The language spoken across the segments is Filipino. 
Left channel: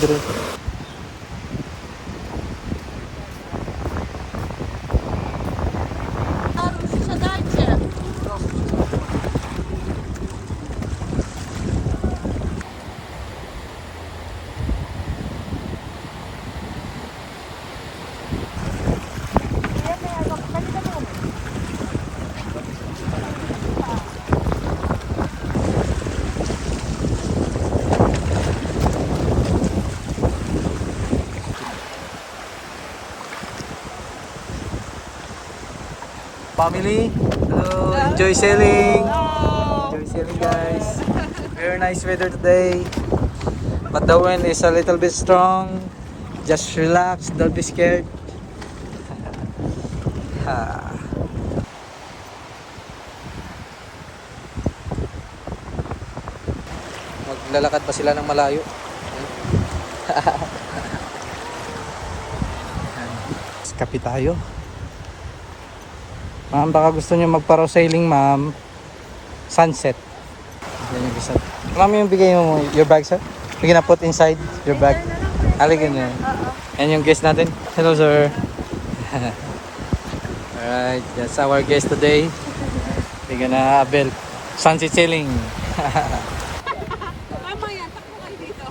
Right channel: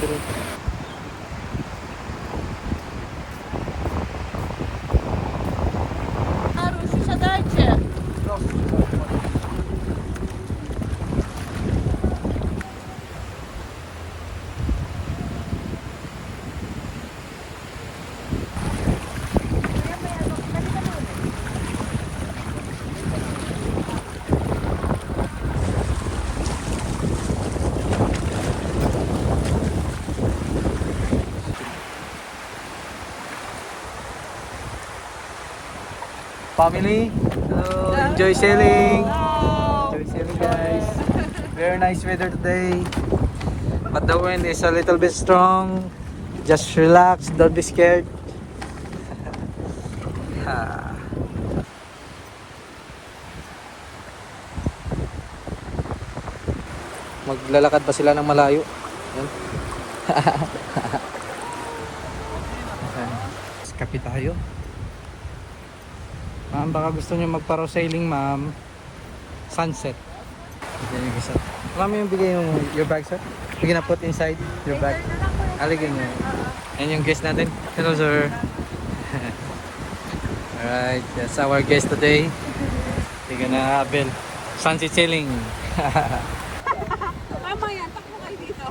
bro. Family, hello, enjoy sailing. Enjoy sailing, guys. Very nice weather today, but the wind is a little bit strong. Just relax, don't be scared. Ha. Maglalakad pa sila ng malayo. Kape tayo. Ma'am, baka gusto nyo magparo-sailing, ma'am. Sunset. Bigyan nyo isa. Ma'am, yung bigay mo your bag, sir. Bigyan na put inside your bag. Aligin nyo. Yan yung guest natin. Hello, sir. Alright, that's our guest today. Bigyan na Abel. Sunset sailing. Tama yan, takbo kayo dito.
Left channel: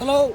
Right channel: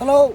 Hello.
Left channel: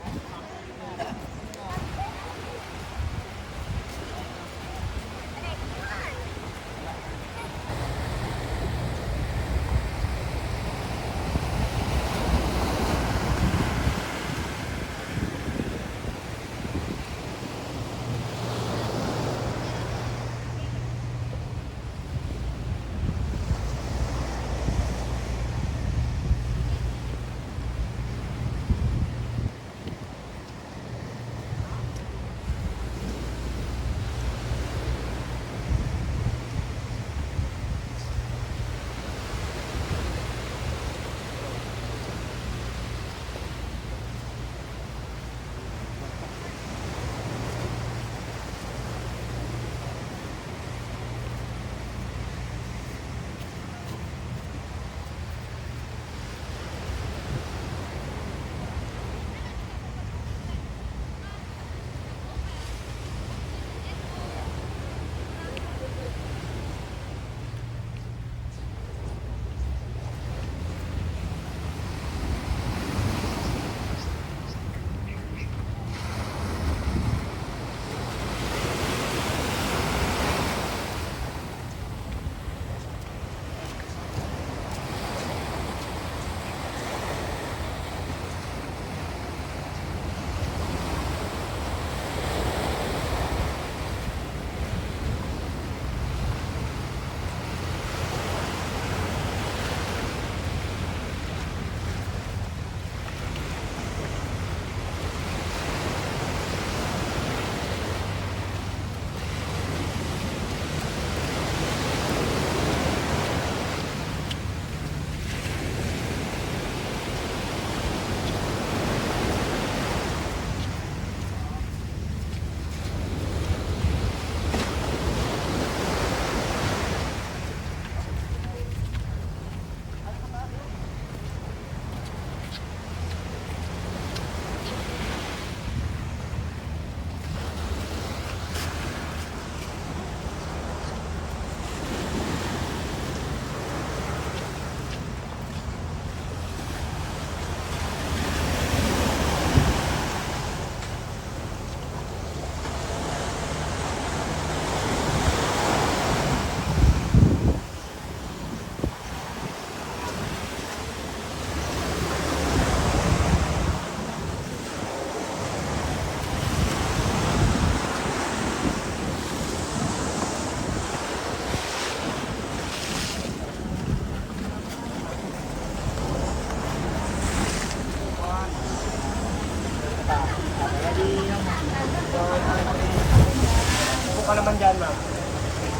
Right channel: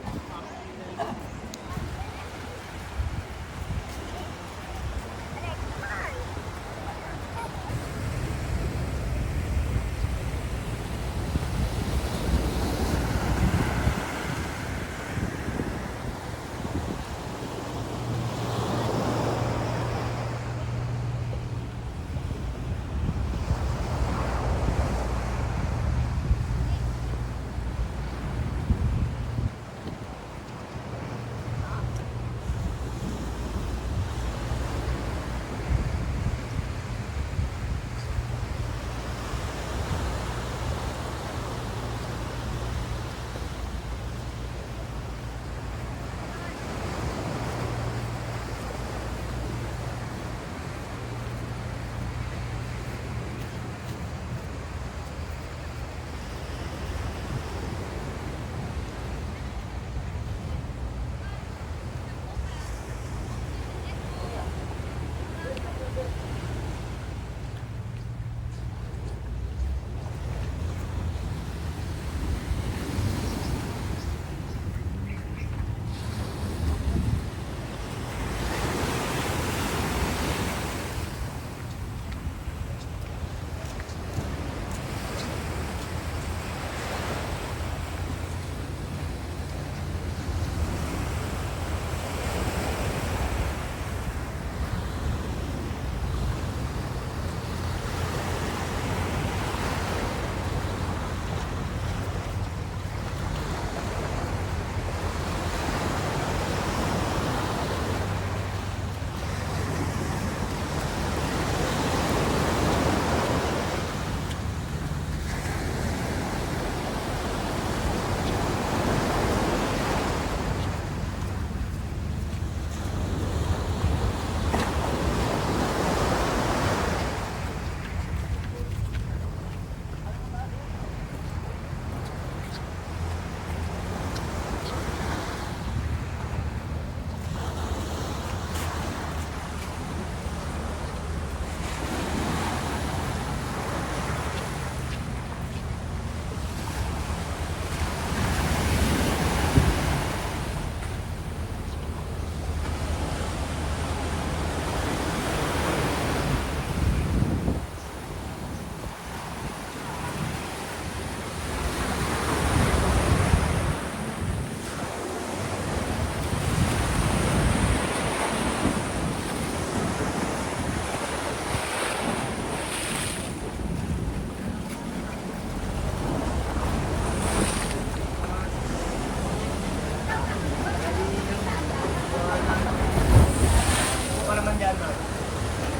naman dyan, ma'am.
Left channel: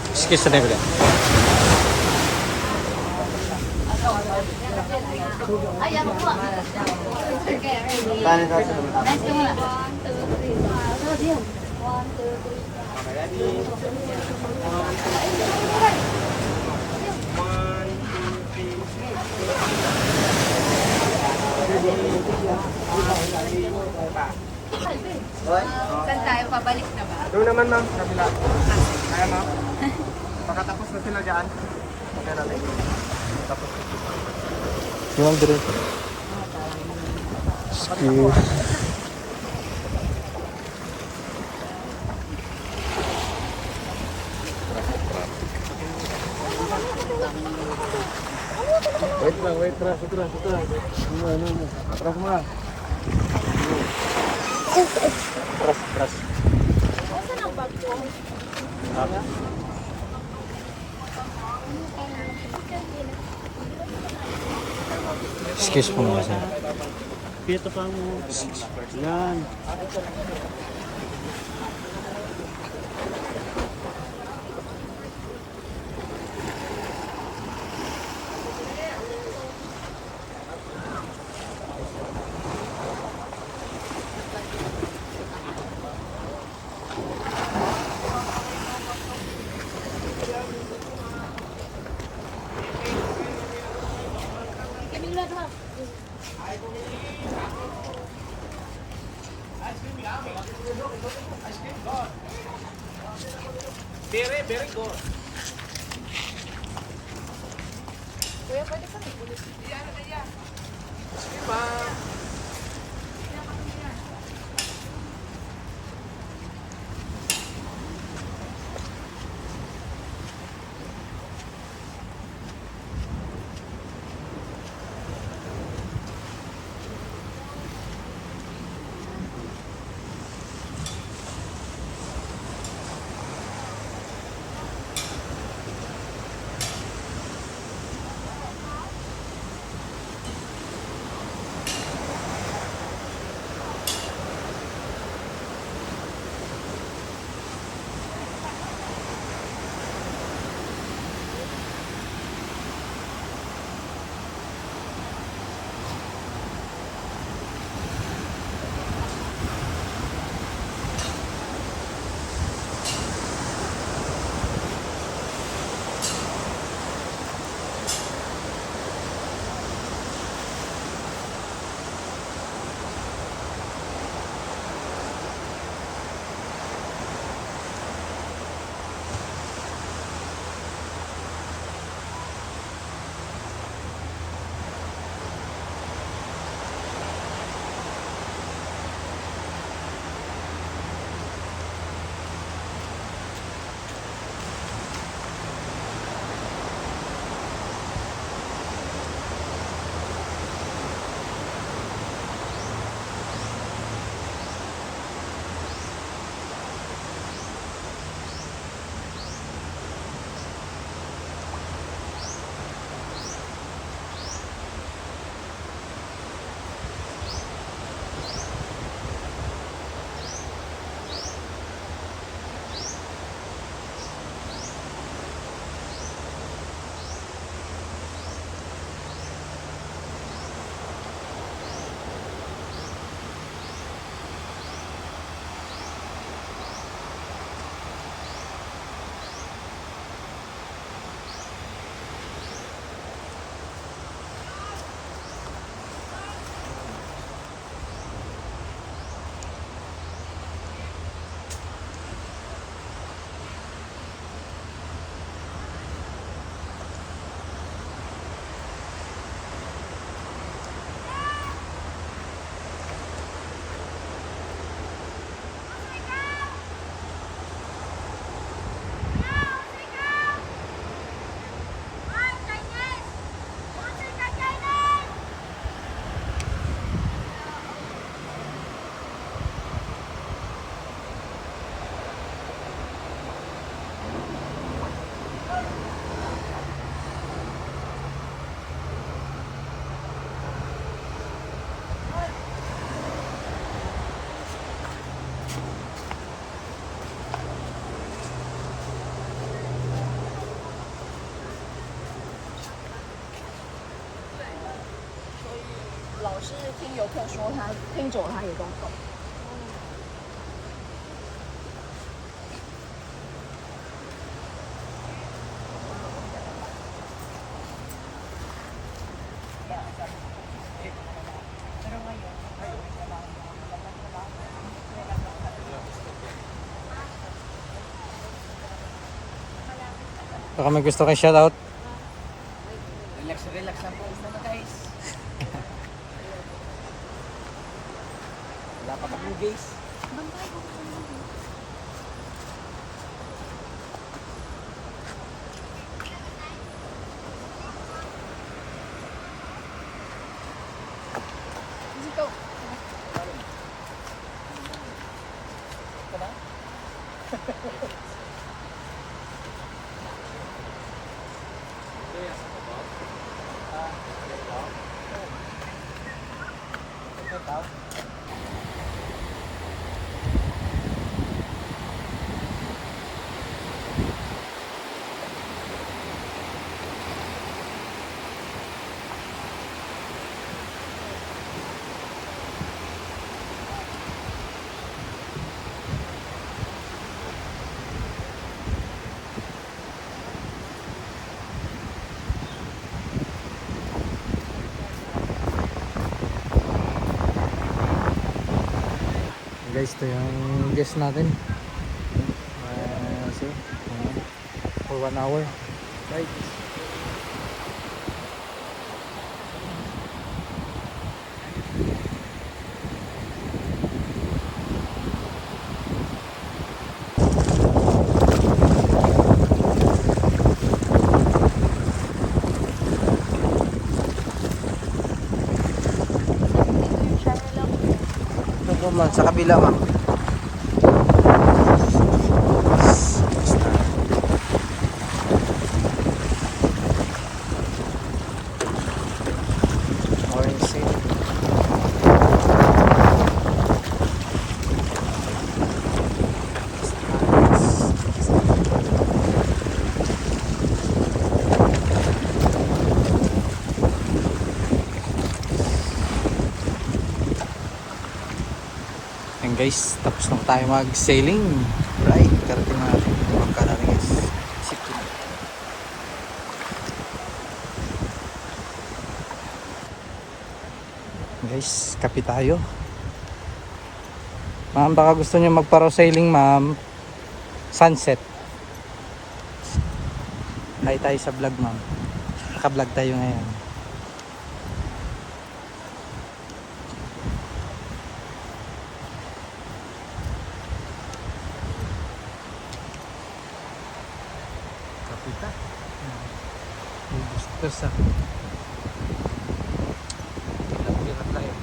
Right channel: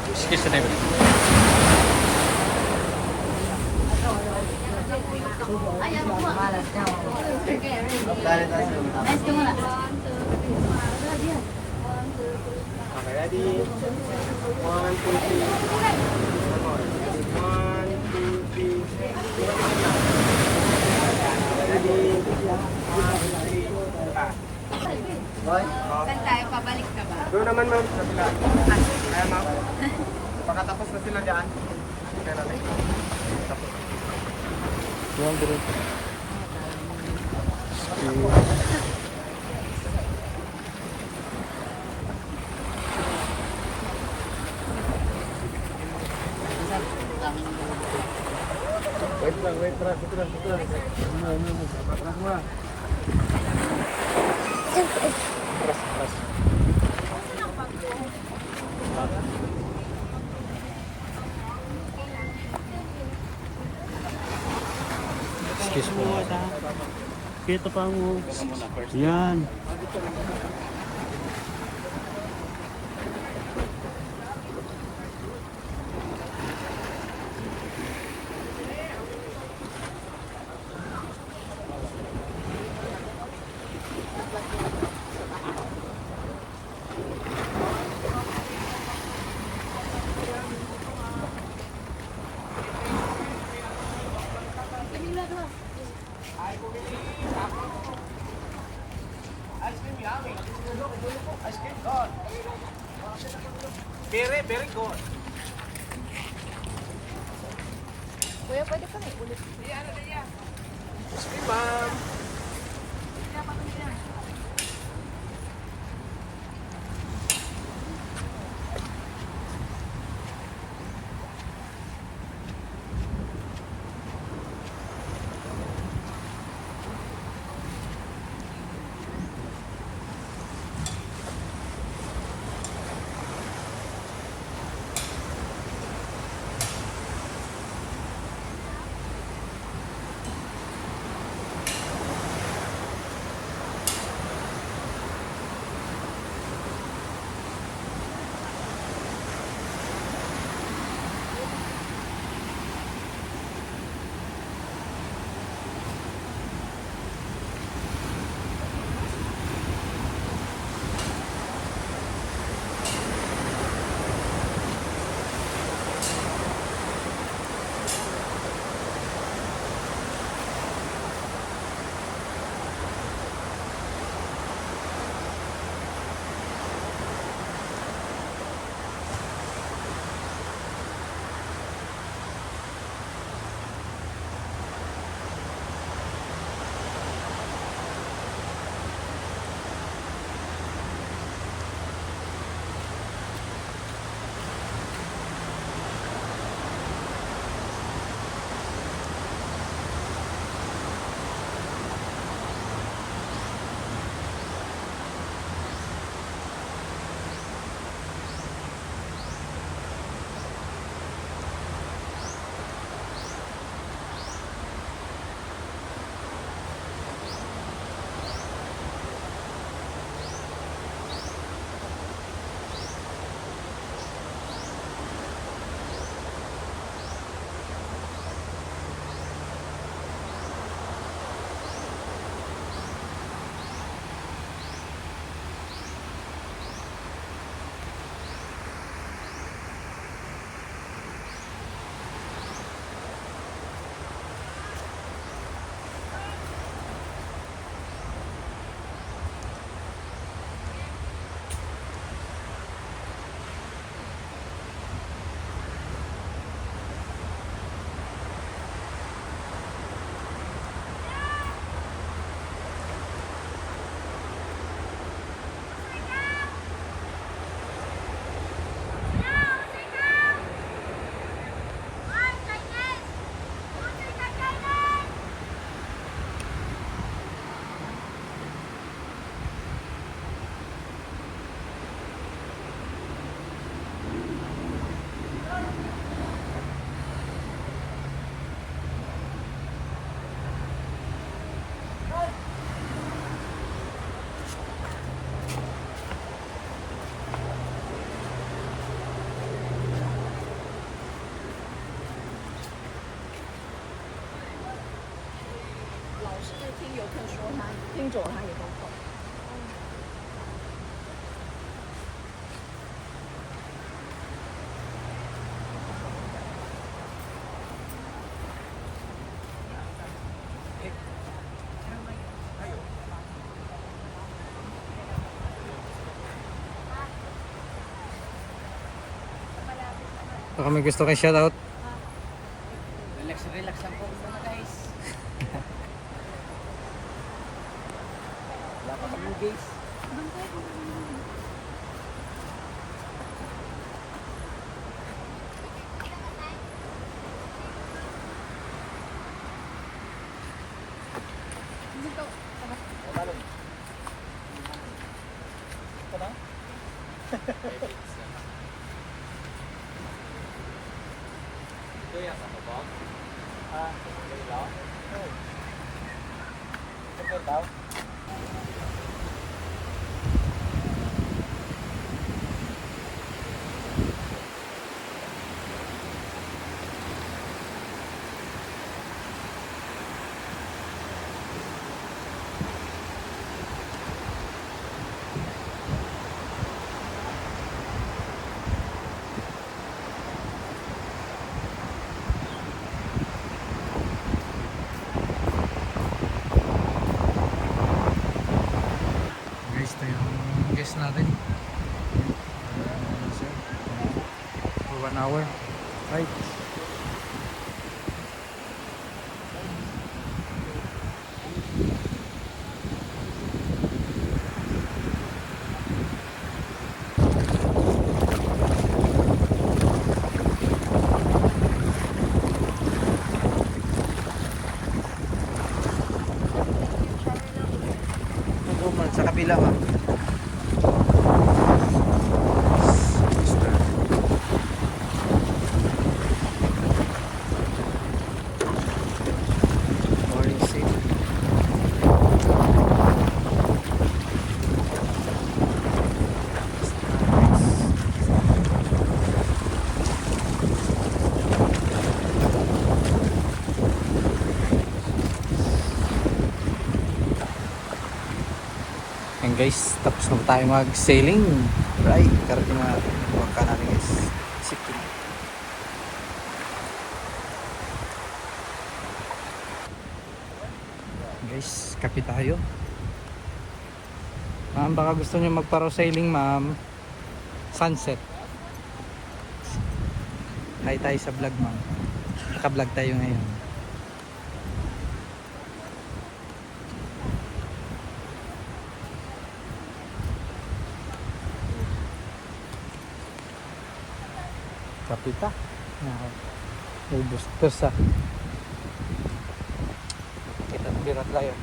Excuse me. Saan tayo? Pabalik na ba? Doon naman ma'am. Kaya ma'am. Pagkatapos na sila dyan. Kaya natin. Tapos. Yung drink. Excuse. Excuse me. Kita pa mo. Yan. Ice cream God. Very, very good. 是听游客说他听久了他也动不动。Baka may gusto kay shoutout. Relax lang po muna guys. Guys, ito yung guest natin. For 1 hour. Right. Opo ma'am, sa kabila ma'am. Morning sale. And guys, tapos na po tayo mag-sailing. Right, karating na natin yung bangka natin guys. Sip to. Guys, kape tayo. Ma'am, baka gusto nyo magparaw sailing ma'am. Sunset. Hi tayo sa vlog ma'am. Naka-vlog tayo ngayon. Kapita. Ubus to sa birat laya.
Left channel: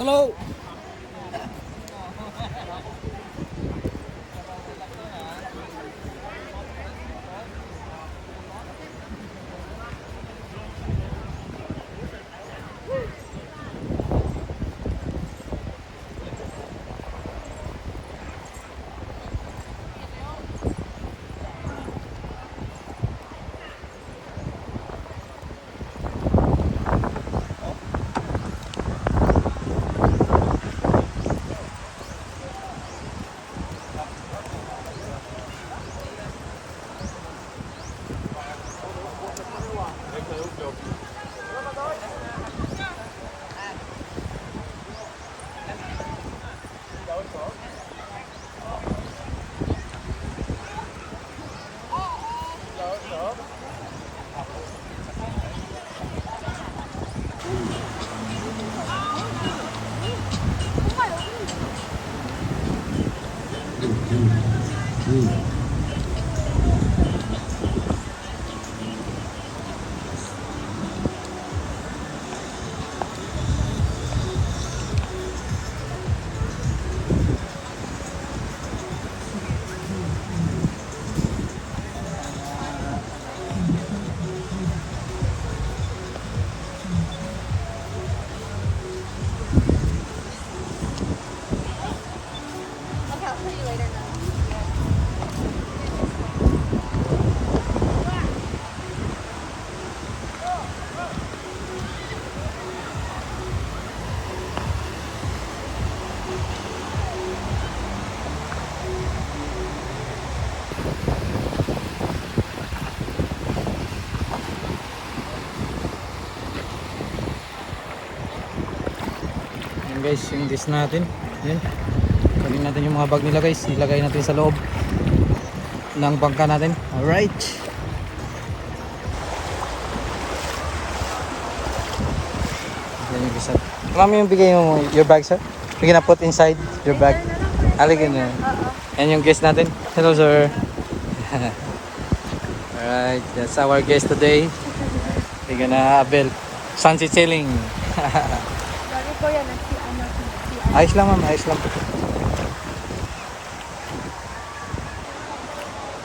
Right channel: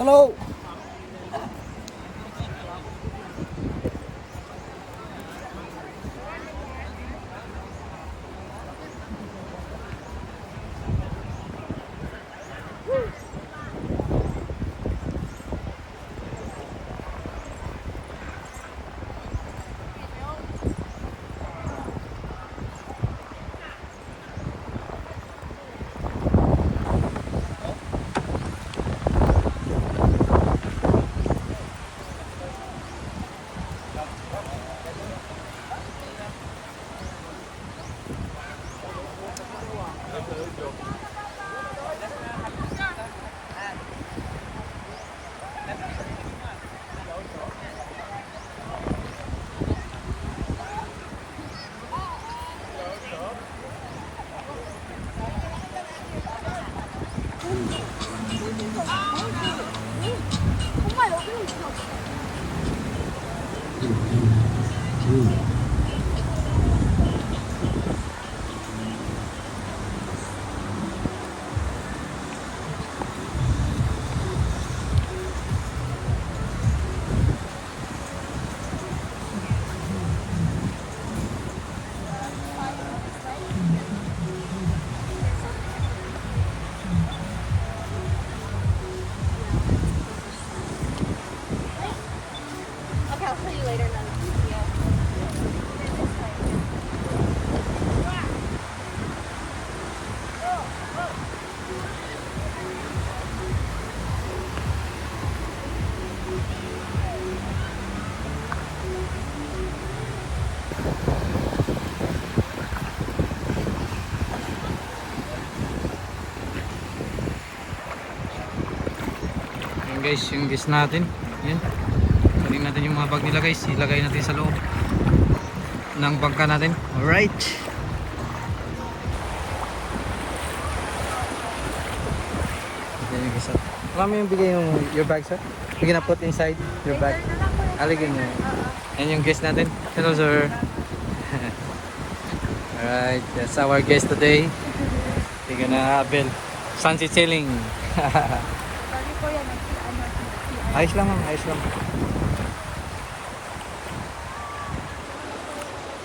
Hello. Yan guys, yung guest natin. Yan. Kunin natin yung mga bag nila guys. Ilagay natin sa loob ng bangka natin. Alright. Okay, yung isa. Mami, yung bigay mo your bag, sir? We're gonna put inside your bag. Aligin nyo. Yan yung guest natin. Hello, sir. Alright, that's our guest today. We're gonna avail sunset sailing. Ayos lang, ma'am. Ayos lang.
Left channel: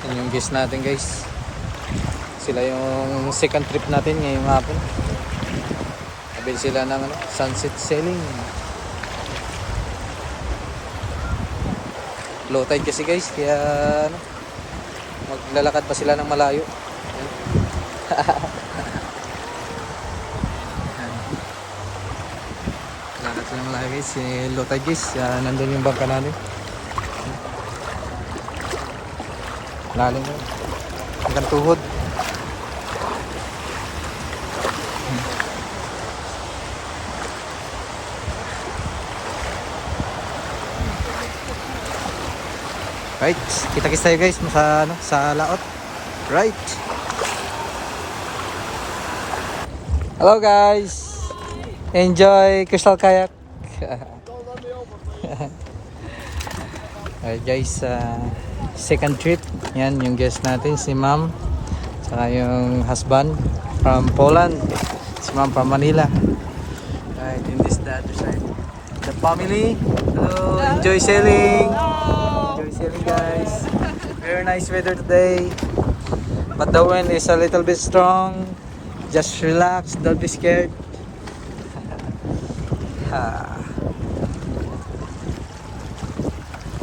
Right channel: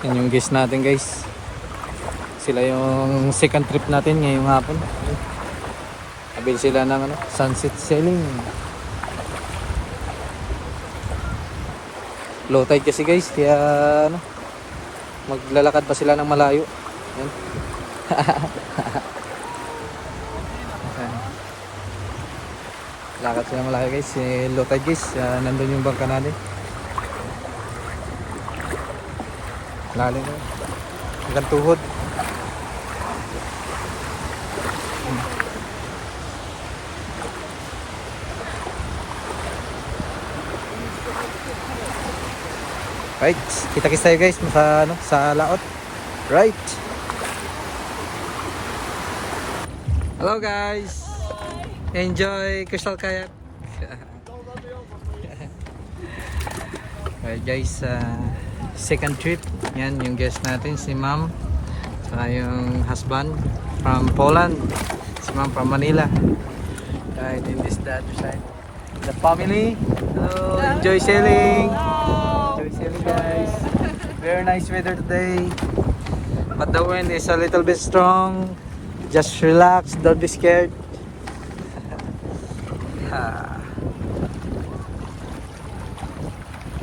Yan yung guest natin, guys. Sila yung second trip natin ngayong hapon. Avail sila ng sunset sailing. Low tide kasi guys, kaya ano, maglalakad pa sila ng malayo. Yan. Lakad sila ng malayo guys, low tide guys, nandun yung bangka natin. Lalim na, hanggang tuhod. Right, kita-kits tayo guys sa ano, sa laot. Right. Hello guys. Enjoy Crystal Kayak. Alright guys, second trip. Yan yung guest natin, si Ma'am. Saka yung husband from Poland. Si Ma'am from Manila. Right, in this the other side. The family. Hello, enjoy sailing. Enjoy sailing guys. Very nice weather today. But the wind is a little bit strong. Just relax, don't be scared.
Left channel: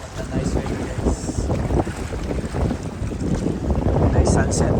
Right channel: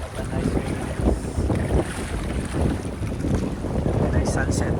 What a nice weather guys. Nice sunset.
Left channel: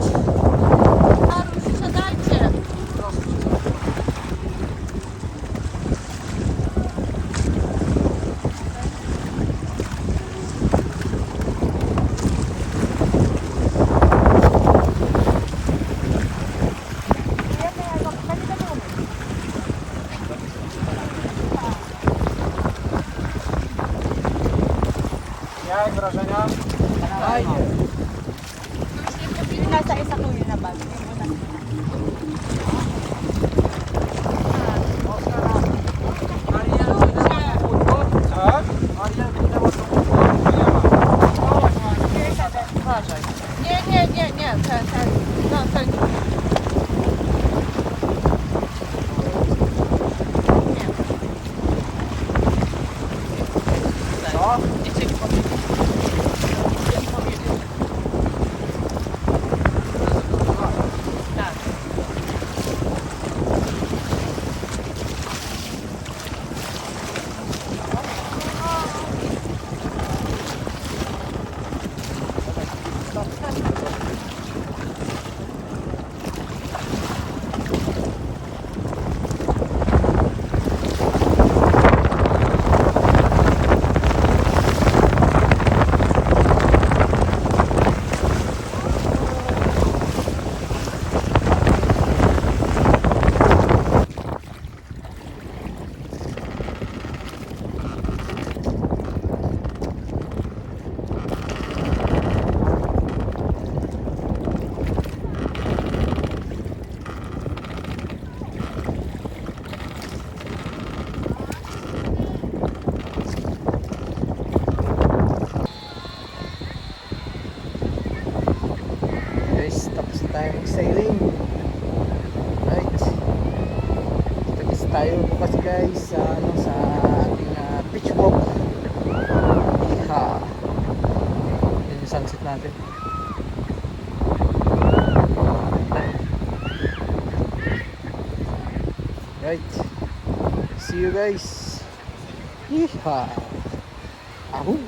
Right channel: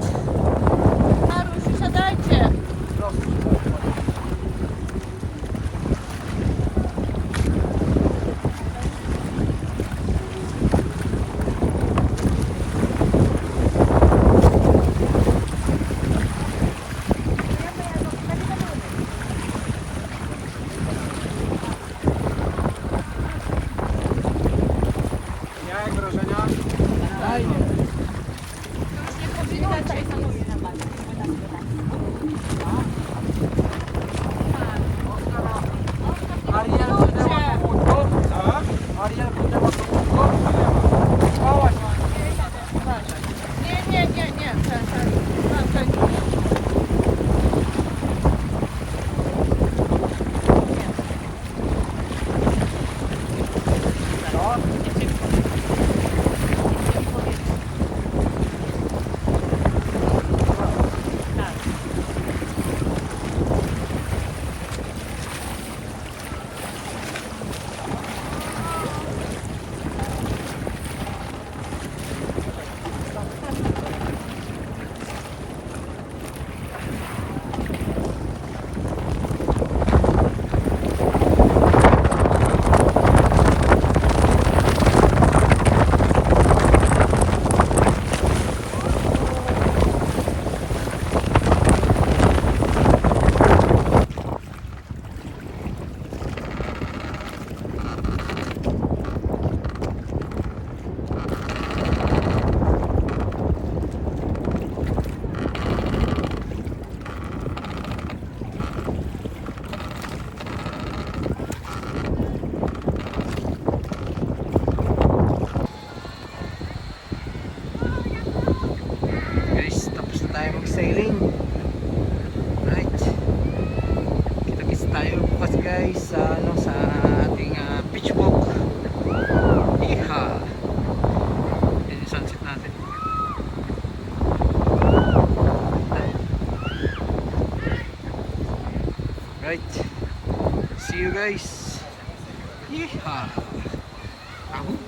Sailing. Right. Kita-kits tayo bukas guys sa ano, sa ating beach walk. Iha. Yan yung sunset natin. Right. See you guys. Iha. Ahoo.